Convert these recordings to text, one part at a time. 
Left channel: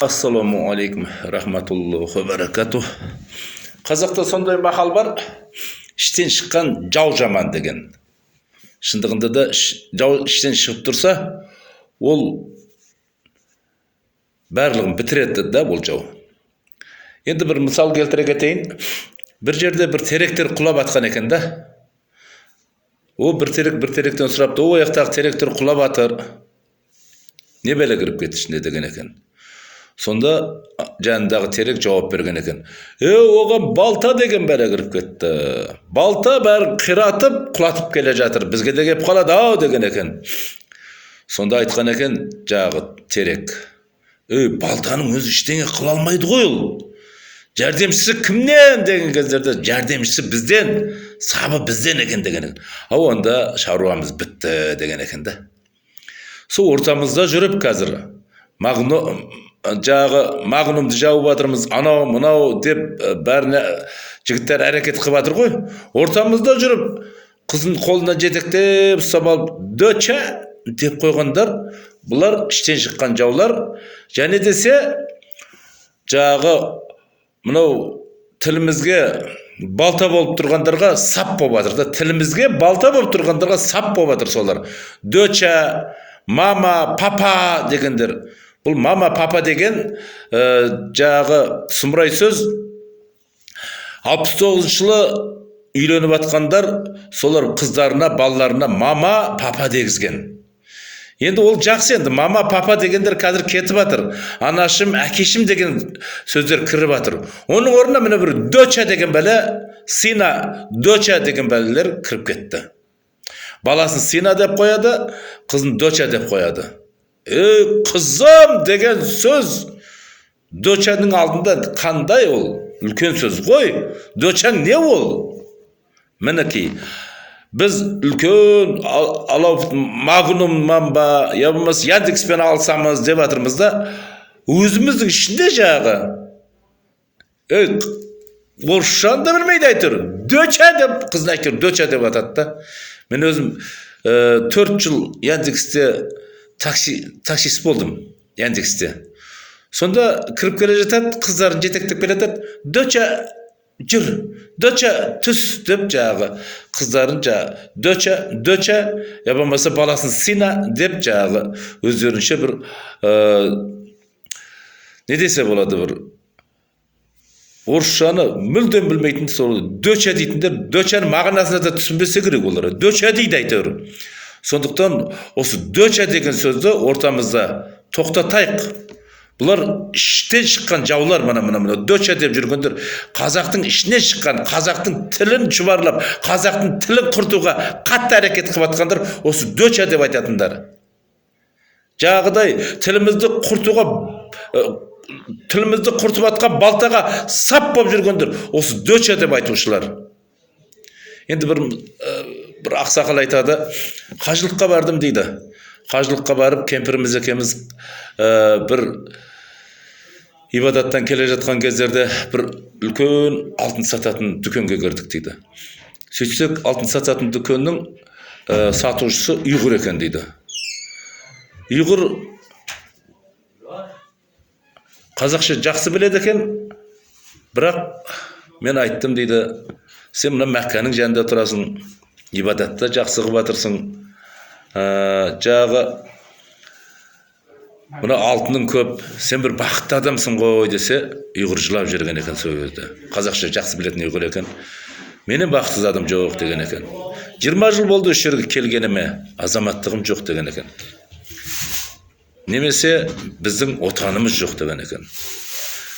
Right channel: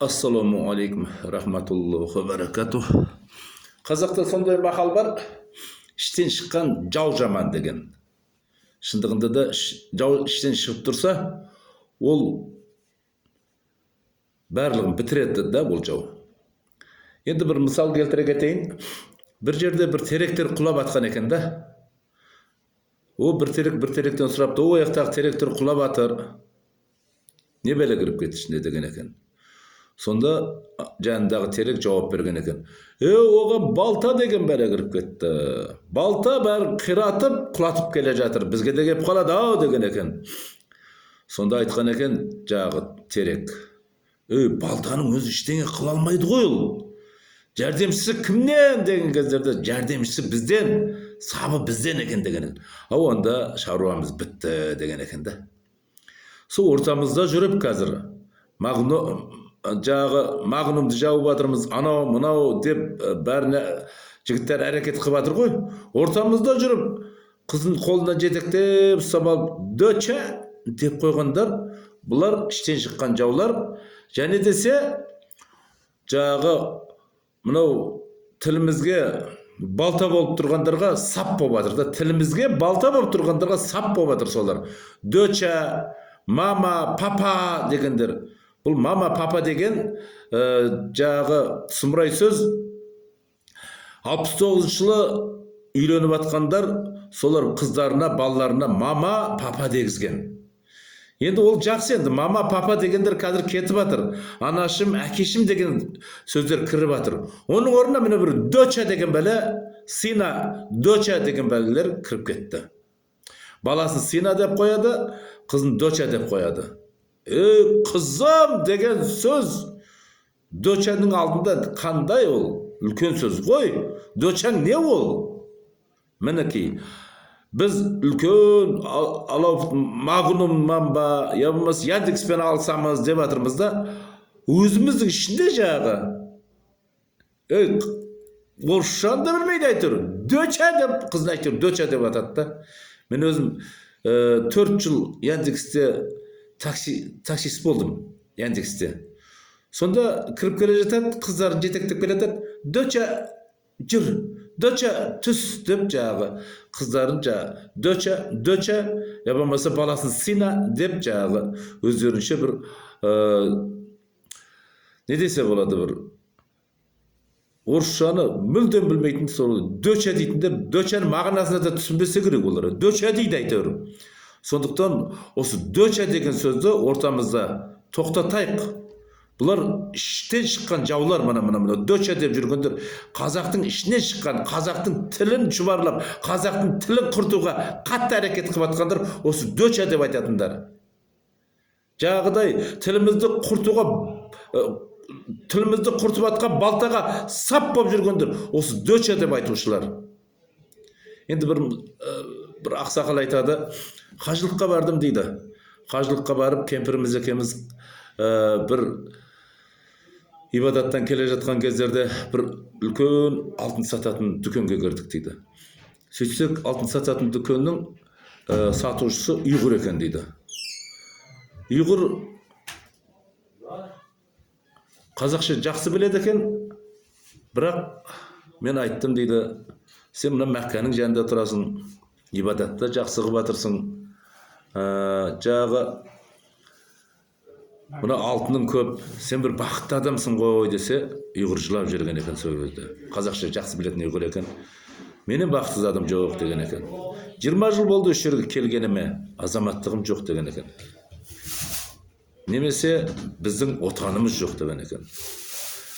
Assalamu alaikum rahmatullohi va barakatuh. Қазақта сондай мақал бар. Іштен шыққан жау жаман деген. Шындығында да жау іштен шығып тұрса, ол барлығын бітіреді да бұл жау. Енді бір мысал келтіре кетейін. Бір жерде бір теректер құлап атқан екен да. О бір теректен сұрапты, о аяқтағы теректер құлап атыр. Не бәле кіріп кетті ішіне деген екен. Сонда жанындағы терек жауап берген екен. Оған балта деген бәле кіріп кетті. Балта бәрін қиратып, құлатып келе жатыр. Бізге де кеп қалады ау деген екен. Сонда айтқан екен жағы терек. Балтаның өзі ештеңе қыла алмайды ғой ол. Жәрдемшісі кімнен деген кездерде жәрдемшісі бізден, сабы бізден екен деген екен. Онда шаруамыз бітті деген екен да. Сол ортамызда жүріп қазір мағнумды жауып жатырмыз, анау мынау деп бәріне жігіттер әрекет қылып жатыр ғой. Ортамызда жүріп қыздың қолынан жетектеп ұстап алып доча деп қойғандар, бұлар іштен шыққан жаулар. Және десе жағы мынау тілімізге балта болып тұрғандарға сап болып жатыр да. Тілімізге балта болып тұрғандарға сап болып жатыр солар. Доча, мама, папа дегендер. Бұл мама, папа деген жағы сұмырай сөз. 69 жылы үйленіп атқандар, солар қыздарына, балаларына мама, папа дегізген. Енді ол жақсы, енді мама, папа дегендер қазір кетіп жатыр. Анашым, әкешім деген сөздер кіріп жатыр. Оның орнына міне бір доча деген бәле, сина, доча деген бәлелер кіріп кетті. Баласын сина деп қояды, қызын доча деп қояды. Қызым деген сөз дочаның алдында қандай ол? Үлкен сөз ғой. Дочаң не ол? Мінекей, біз үлкен магнумнан ба, я болмаса Яндекспен алсамыз деп жатырмыз да, өзіміздің ішінде жағы орысшаны да білмейді айтыр. Доча деп, қызын айтыр, доча деп атады да. Мен өзім 4 жыл Яндексте таксист болдым, Яндексте. Сонда кіріп келе жатады, қыздарын жетектеп келе жатады. Доча жүр, доча түс деп жағы қыздарын доча, я болмаса баласын сина деп жағы өздерінше бір не десе болады, бір орысшаны мүлдем білмейтін сол доча дейтіндер, дочаның мағынасына да түсінбесе керек олар. Доча дейді әйтеуір. Сондықтан осы доча деген сөзді ортамызда тоқтатайық. Бұлар іштен шыққан жаулар, мына доча деп жүргендер, қазақтың ішінен шыққан, қазақтың тілін шұбарлап, қазақтың тілін құртуға қатты әрекет қылып жатқандар, осы доча деп айтатындар. Жағыдай тілімізді құртып жатқан балтаға сап болып жүргендер, осы доча деп айтушылар. Енді бір ақсақал айтады, қажылыққа бардым дейді. Қажылыққа барып, кемпіріміз екеуміз бір ибадаттан келе жатқан кездерде бір үлкен алтын сататын дүкенге кірдік дейді. Сөйтсек, алтын сататын дүкеннің сатушысы ұйғыр екен дейді. Ұйғыр қазақша жақсы біледі екен, бірақ мен айттым дейді, сен мына Мәкканың жанында тұрасың, ибадатта жақсы қылып жатырсың, жағы мына алтының көп, сен бір бақытты адамсың ғой десе, ұйғыр жылап жүрген екен сол кезде. Қазақша жақсы білетін ұйғыр екен. Менен бақытсыз адам жоқ деген екен. 20 жыл болды осы жерге келгеніме, азаматтығым жоқ деген екен. Немесе біздің отанымыз жоқ деген екен.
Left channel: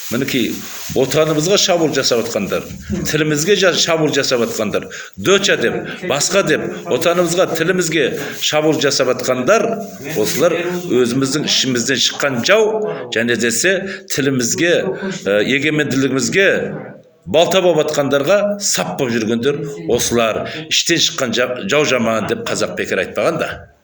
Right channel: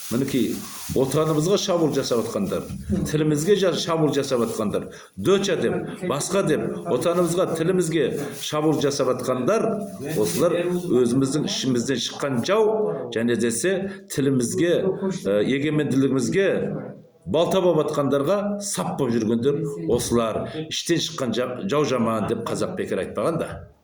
Мінекей, отанымызға шабуыл жасап атқандар, тілімізге шабуыл жасап атқандар, доча деп, басқа деп, отанымызға, тілімізге шабуыл жасап атқандар, осылар өзіміздің ішімізден шыққан жау, және десе тілімізге, егеменділігімізге балта болып атқандарға сап болып жүргендер, осылар іштен шыққан жау жаман деп қазақ бекер айтпаған да.